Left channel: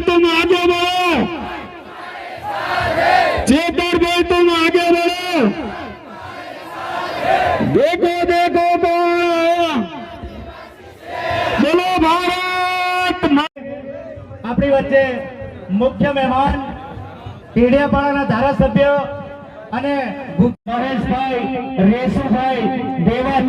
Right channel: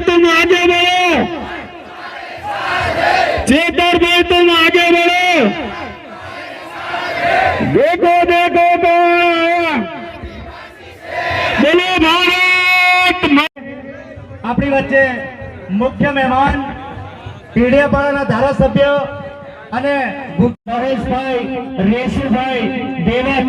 तुम आगे बढ़ो चेतर भाई तुम आगे बढ़ो देखो देखो तो बोलो भारत मा- આપણી વચ્ચે મુખ્ય મહેમાન પીડિયાપાડાના ધારાસભ્ય અને ગુ- પરેશભાઈ રેશુભાઈ દેવત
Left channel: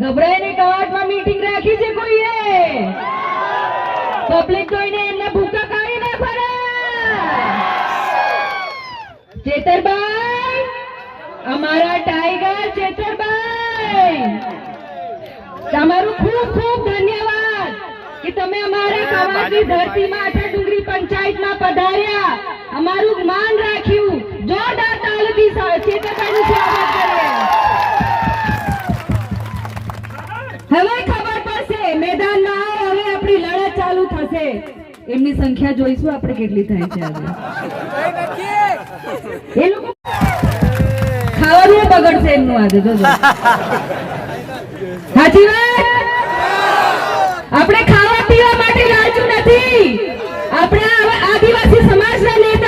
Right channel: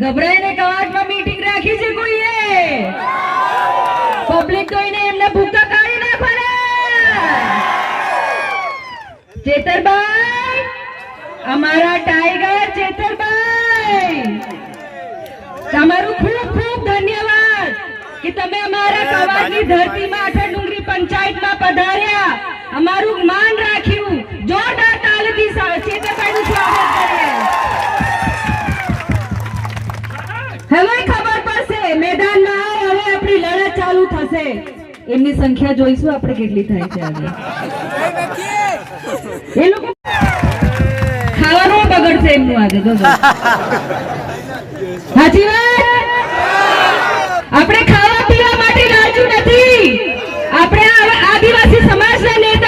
ગભરાઈને કવાટમાં મીટિંગ રાખી છે કોઈએ? પબ્લિક જોઈને એમને ભૂકા કાઢી નાખવાના. ચેતરભાઈ અમારા ટાઈગર ચેતરભાઈ. તમારું ખૂબ ખૂબ ધન્યવાદ કે તમે અમારા કવાટની ધરતીમાં આઠા ડુંગરી પંચાયતમાં પધાર્યા. અમારું માન રાખ્યું. જોરદાર તાલીથી ચેતરભાઈનું સ્વાગત કરીએ હવે ખબર પડશે, મેદાનમાં હવે આપણી લડત ચાલુ થશે. એમની સંખ્યા જોઈશું આપણે કેટલી થાય છે એ લોકો ખાવાનું બગડશે એમનું આજે જો સાચી વાત? આપણે ખાવા પીવા માટે લાલચું નથી. આપણે આદિવાસી સમાજના નેતા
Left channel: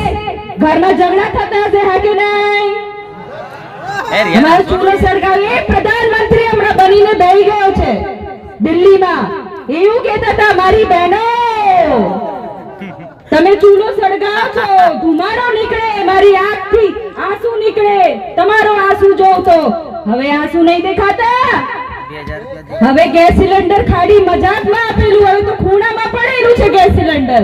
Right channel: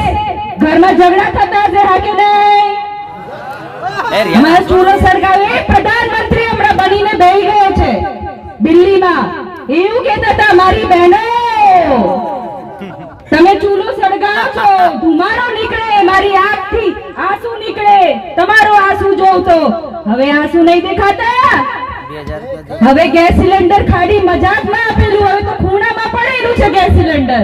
ઘરમાં ઝઘડા થતા હશે હા કે નહીં? એ રિયાન અમારો ચૂલો સળગાવે પ્રધાનમંત્રી હમણાં બનીને બેસી ગયો છે દિલ્હીમાં. એવું કહેતા હતા મારી બહેનો તમે ચૂલો સળગાવો છો ધુમાડો નીકળે મારી આંખથી આંસુ નીકળે તમારો આંસુ જોવ તો હવે આંસુ નહીં દેખાતા? હવે ગેસ સિલિન્ડર ખાડી મજાકમાં આપેલું હવે તો ખૂણામાં પડેલું છે ગેસ સિલિન્ડર.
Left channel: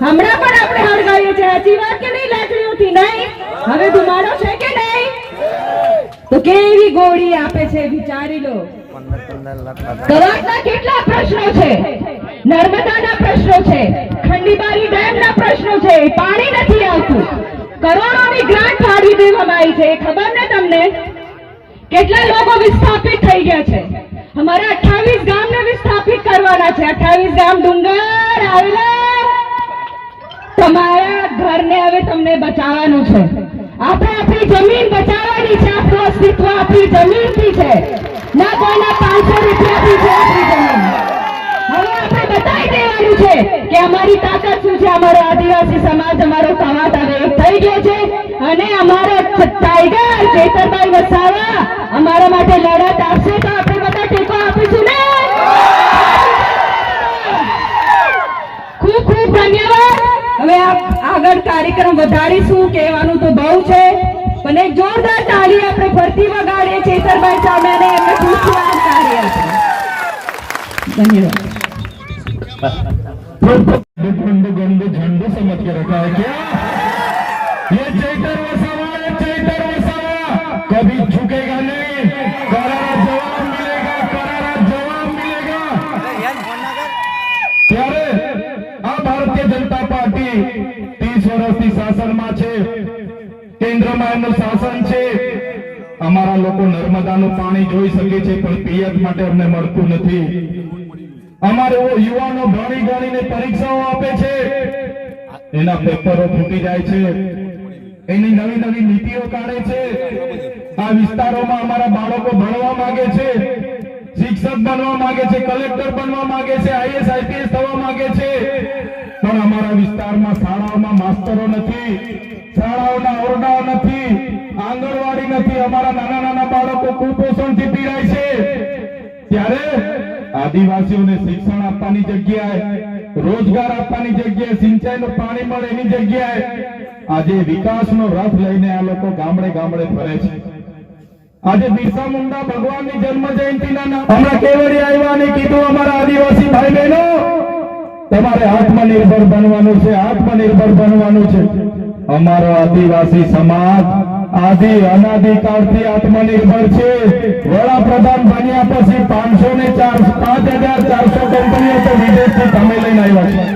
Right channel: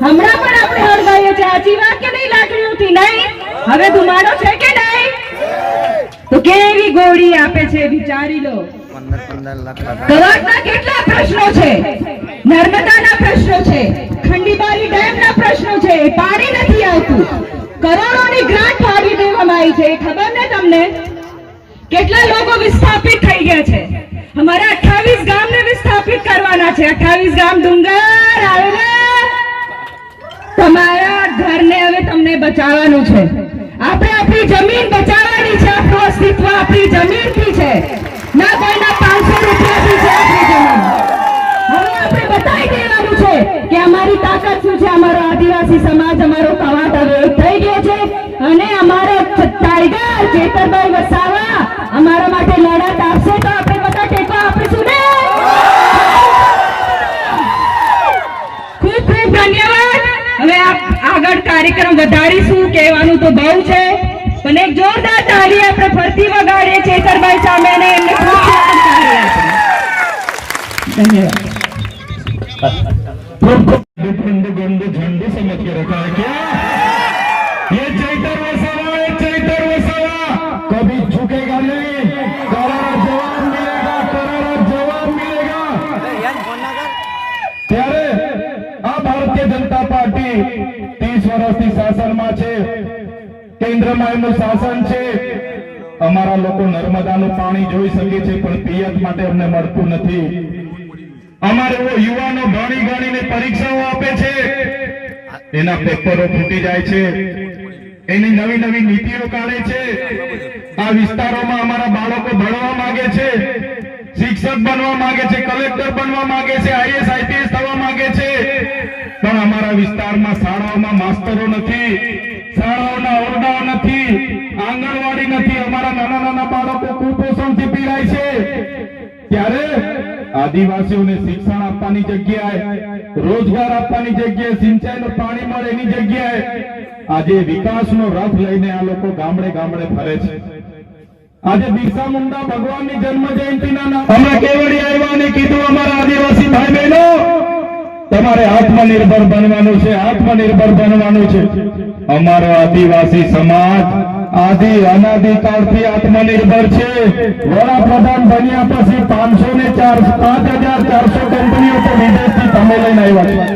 હમણાં પણ આપણે હળગાવીએ છીએ. સાચી વાત કે નહીં લાકડીઓથી નહીં? હવે ધુમાડો છે કે નહીં? તો કેવી ગોળી આપે છે વિચારી લો. કવાડના કેટલા પ્રશ્નો છે? નર્મદાના પ્રશ્નો છે. ખંડીબારી ડેમના પ્રશ્નો છે. પાણી નથી આવતું. કરોડોની ગ્રાન્ટ ફાળવી દેવામાં આવી છે. ખબર ને તમને? કેટલા લોકો વિસ્થાપિત થઈ ગયા છે? અમારે 28 ગામને વિસ્થાપિત કરવાના છે. 28 ગામ ડુંગર આવેલા. તમારા ઘરને હવે તમને બચાવવાનું છે. આપણે આપણી જમીન બચાવવાની છે. આપણું અસ્તિત્વ આપણી જમીનથી છે. ના કોઈના પાંચસો રૂપિયાથી છે આપણી જમીન. હવે આપણે બતાવી દેવાનું છે કે અમારી તાકાત શું છે? અમારો આદિવાસી સમાજ, અમારો કવાત હવે થઈ ગયો છે. અને અમારો ટાઈગર ચેતરભાઈ વસાવા માટે લડત આપશે તો આપણે બધા ટેકો આપીશું ને? ખૂબ ખૂબ ધન્યવાદ. હવે આગળ કાર્યક્રમ વધારીશું, કહેવાનું તો બહુ છે. અને જોરદાર તાળી આપણે ફરતી વગાડીએ ચેતરભાઈ સામે અને એમને ધન્યવાદ. અમારે યુવાનો ભણી ગણીને પરીક્ષાઓ આપે છે. એના પેપરો ફૂટી જાય છે. એની નવી નવી નીતિઓ કાઢે છે. આ વિસ્તારોમાં અમારા બાળકો ભણવા માંગે છે. શિક્ષક બનવા માંગે છે, કલેક્ટર બનવા માંગે છે, આઈએસ, આઈપીએસ થવા માંગે છે. પણ અમારા વિસ્તારમાં શાળાઓમાં માસ્તરો નથી, શાળાઓના ઓરડાઓ નથી, આંગણવાડી નથી. અમારા નાના નાના બાળકો કુપોષણથી પીડાય છે. ત્યારે આદિવાસીઓને શિક્ષણ આપવાની જગ્યાએ, રોજગાર આપવાની જગ્યાએ, સિંચાઈનું પાણી મળે એની જગ્યાએ આજે વિકાસનો રથ લઈને આ લોકો ગામડે ગામડે ફરે છે. આજે બિરસા મુંડા ભગવાનની જન્મ જયંતિના અમે કેવડી આવ્યા કીધું અમારા આદિવાસી ભાઈ બહેનો તમારે આત્મનિર્ભર બનવાનું છે, આત્મનિર્ભર બનવાનું છે. અમારો આદિવાસી સમાજ આદિ અનાદિકાળથી આત્મનિર્ભર છે. વડાપ્રધાન બન્યા પછી પાંચસો ને ચાર પાંચ હજાર ચારસો કંપનીઓ તો વિદેશથી તમે લઈને આવ્યા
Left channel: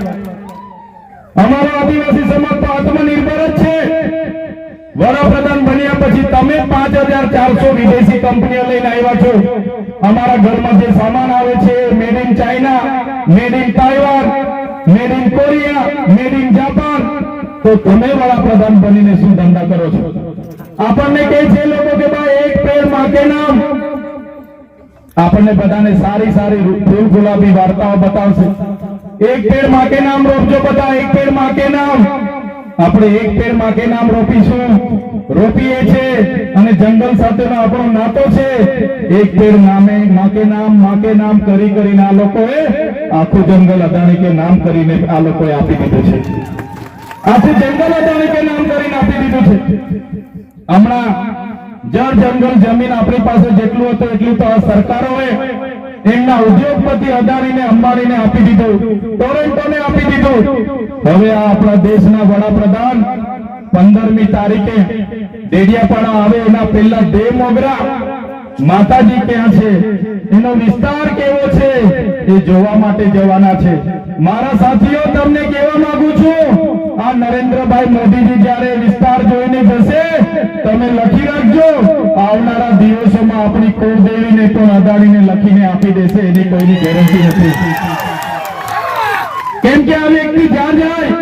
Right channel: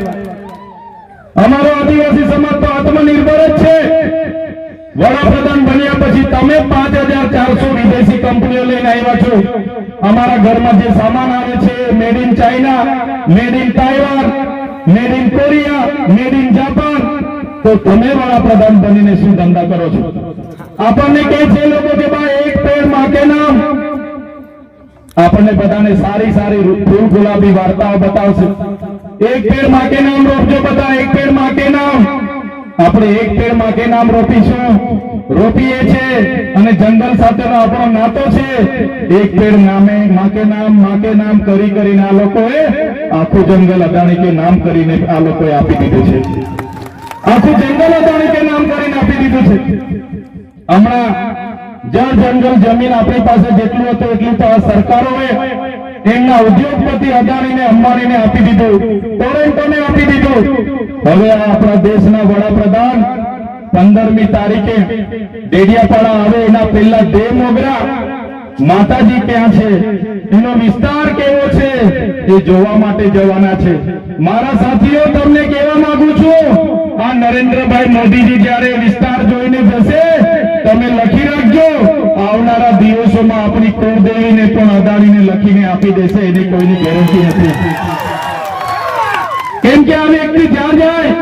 અમારો આદિવાસી સમાજ તો આત્મનિર્ભર જ છે વડાપ્રધાન બન્યા પછી તમે પાંચ હજાર ચારસો વિદેશી કંપનીઓ લઈને આવ્યા છો. અમારા ઘરમાં જે સામાન આવે છે made in China made in Taiwan made in Korea made in Japan તો તમે વડાપ્રધાન બનીને શું ધંધા કરો છો? આપણને કહે છે લોકો કે ભાઈ, એક પેડ માકે નામ. આપણને બધાને સારી સારી ફૂલ ગુલાબી વાર્તાઓ બતાવશે. એક પેડ માકે નામ રોપજો બધા, એક આપણે એક પેડ માટે નામ રોપીશું. રોપીએ છે અને જંગલ સાથેનો આપણો નાતો છે. એક પેડ નામે માં નામમાં નામ કરી કરીને આ લોકોએ આખું જંગલ અદાણી કે નામ કરીને આ લોકોએ આપી દીધું છે. આખું જંગલ અદાણી કે નામ કરીને આપી દીધું છે. હમણાં જળ જંગલ જમીન આપણી પાસે જેટલું હતું એટલું તો આ સરકારોએ એમના ઉદ્યોગપતિ અદાણીને અંબાણીને આપી દીધું. ટોરેન્ટોને આપી દીધું. હવે આ આપણા દેશના વડાપ્રધાન પંદરમી તારીખે ડેડિયાપાડા આવે, એના પહેલા દે મોગરા. માતાજી ક્યાં છે? એનો વિસ્તાર કેવો છે? એ જોવા માટે જવાના છે. મારા સાથીઓ, તમને કહેવા માંગુ છું, આ નરેન્દ્રભાઈ મોદીજી જ્યારે વિસ્તાર જોઈને જશે તમે લખી રાખજો, આવનારા દિવસોમાં આપણી કુળદેવીને પણ અદાણીને લખીને આપી દેશે, એની કોઈની ગેરંટી નથી. કેમ કે આ વ્યક્તિ જ્યાં જાય.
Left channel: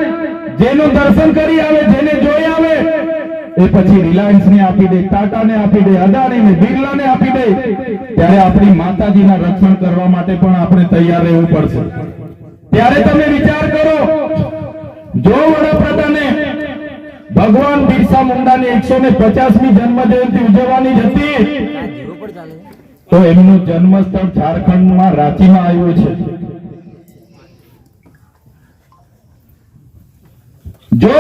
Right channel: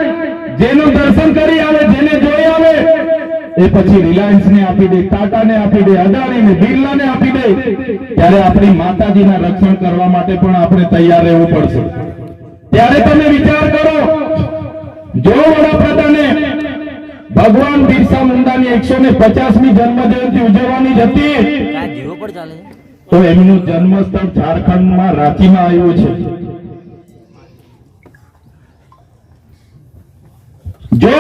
જેનું દર્શન કરી આવે, જેને જોઈ આવે, એ પછી રિલાયન્સ ને આપી દે ટાટા ને આપી દે અદાણી ને બિરલા ને આપી દે. ત્યારે આપણી માતાજીના રક્ષણ કરવા માટે પણ આપણે તૈયાર રહેવું પડશે. ત્યારે તમે વિચાર કરો, જો વડાપ્રધાને ભગવાન બિરસા મુંડાની એકસો ને પચાસમી જન્મ જયંતિ ઉજવવાની હતી તો એમનું જન્મસ્થળ ઝારખંડમાં રાંચીમાં આવ્યું છે. જો